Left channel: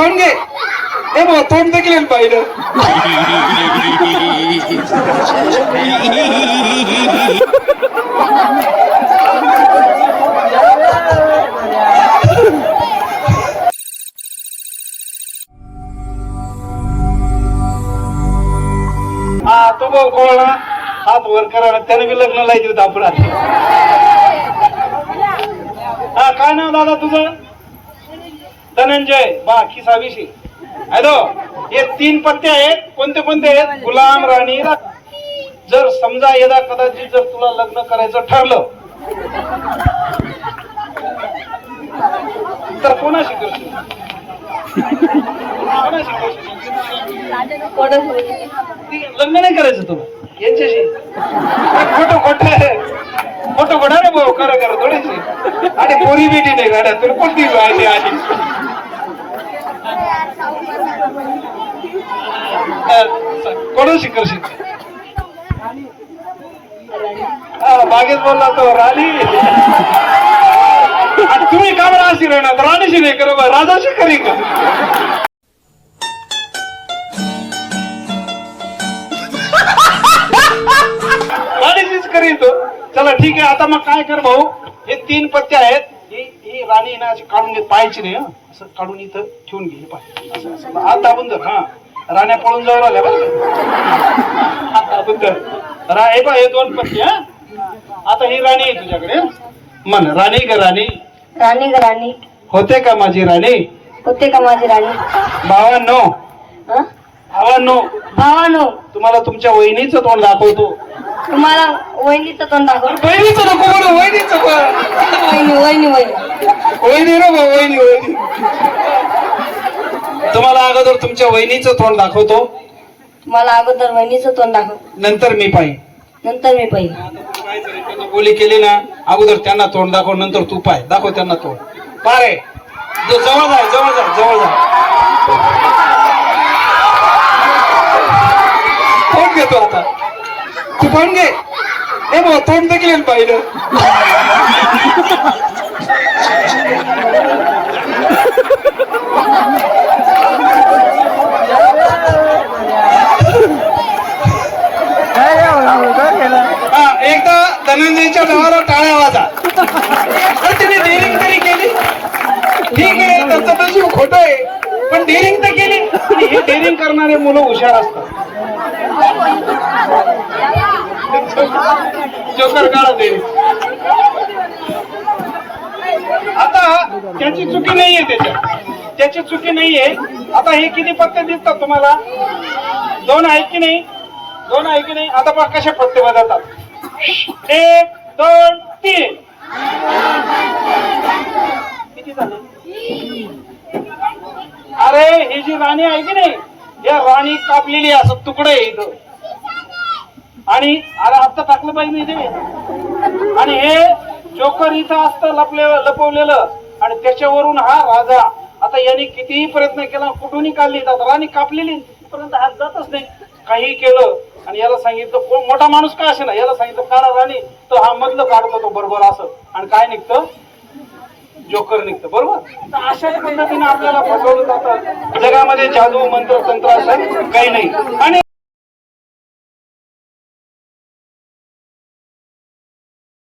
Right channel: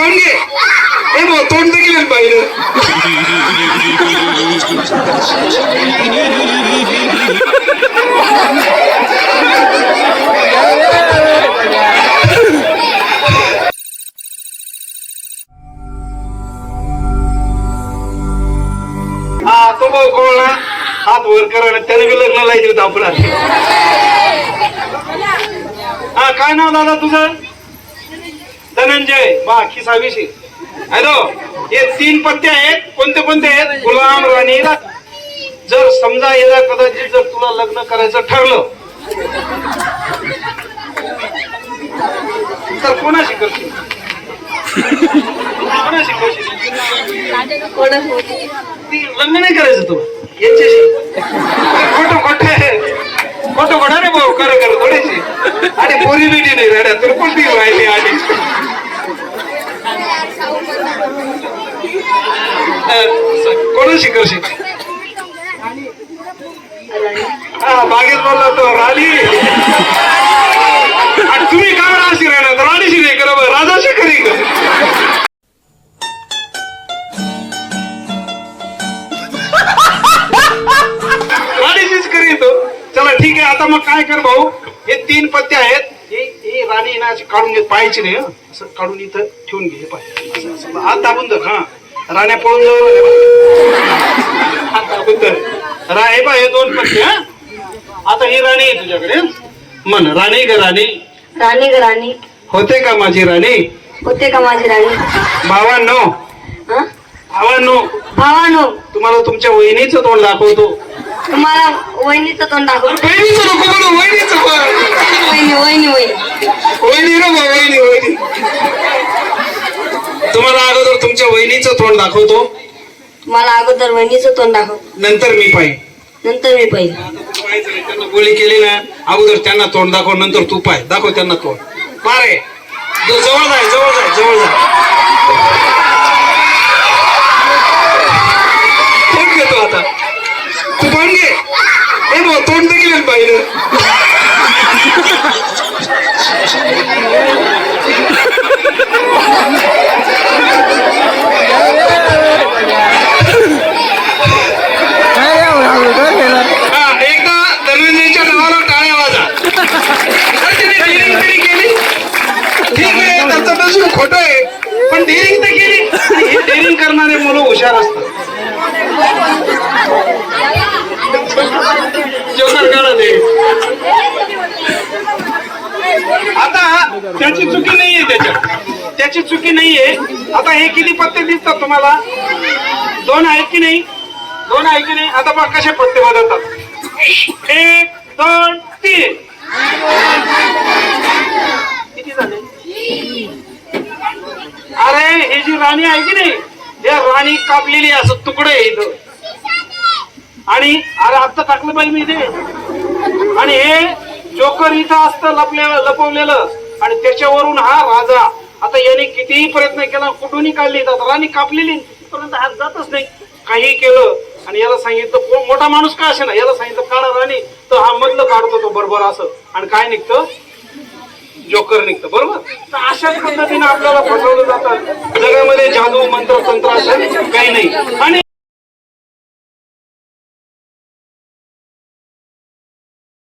तोंड घे. ए भाऊ तोंड तर केलं पाहिलं हा तो भाऊ कोळला हात वर करा आणि त्याने बी लग्न लायचे होतं आपण हा काय नाव दादा तुझं? धनंजय बा खिसाविषयी हॅलो? हे तीन पत्ते आहेत. कोणते कोणते आहेत? गुलाम राणी. जर समजा याला कदाचित जर तुला लग्न करायचं ठरलं तर कोणाशी करशील? कोणाशी करशील? ती लग्न नाही करायचं तू यांच्याशी. खोटं खोटं आहे. खोटं खोटं रे भाऊ खरं खरं थोडीशी. आणि पोरी बिटी नाही राहणार तर कोणती राहिली आधी? कोण कोणाशी करशील? हा बागेत बोलला तो राणी. तुम्ही का बरं अशी राहणार राणीशी नाही करत राजाशी करी चला ठीक आहे आता मग काय कर भाऊ? हे तीन पत्ते आहेत. ही ही राणी ना काढून घेत पाहायची नाही हं. असं काढून इथं ठेवून घे पाहिजे पाय. हात दाबून जर हा. राण्या पळून दाबून धर रा हे पाय हे दोन पत्ते हा. आता ही राणी आहे तुझ्याकडे. म्हण राणी ग राणी? राणी ग राणी? होते का माझी राणी? होते का माझी राणी? भावांनो. हं? भावांनो. भावानो. तुम्हाला तुमच्या वहिनीचं तोंड दाखवतो. तुम्हाला वहिनीचं तोंड दाखव वहिनीचं नको वहिनीचं वहिनी वहिनी वहिनी. वहिनी रे वहिनी वहिनी. तुम्हाला अगोदर तुमच्या वहिनीचं तोंड दाखवतो. तुम्हाला अगोदर वहिनीचं तोंड दाखव. नंतर मी पाहिजे नंतर मी पाहिजे त्यांना बोली केली ना अगोदर त्यांना तोंड दाखव नंतर तू पाय. दाखव त्यांना तोंड. पारे. जवळ जाय जवळ जाय जवळ जाय. तोंड घेतो आता. तू तोंड घे. ए भाऊ तोंड केलं पाहिलं हा एकदा धनंजयच्या नावाला टाळ्या वाजा पण तिने डेअरिंग तरी केली ठीक आहे त्याचं नशीब खोट आहे. पण डेअरिंग तर केली. आणि हे डेअरिंग करणारे मुलं हुशार असतात. जोकर काढा ते. आता त्याची चुकी नाहीये त्याच्यात. त्याची चुकी नाहीये. आता हे किती पत्ते दिसतात तुम्हाला? दोन आहेत की नाही? दोन आहे की नाही? आता बघ कसे पत्ते बदलतात. एक दोन तीन किती झाले अरे ही जी राणी आहे की नाही? या राणी कापलेली असं तुकडे आहे इथं. आणि अरे आता टाकलं पाहिजे मी इथे आणि हे जोकर इथं असतं लपले लपवलेलं. आणि त्याच्यावरून हा राजा आता याने कितीही प्रयत्न केला कुठूनही काढली जात राणी कापलेली. तिथपर्यंत हात जातच नाही. काही केलं आणि याला सांगितलं कोण? मोठा माणूस का असे ना याला सांगितलं काढा राणी. तर हा मधलं काढतो तो बरोबर असं. आणि काय निघतं? जोकर निघतं बरोबर? अशाच पद्धतीने आपल्याला फसवलं जातात जगामध्ये जादू मंत्र तंत्र असं काही नाही. आणि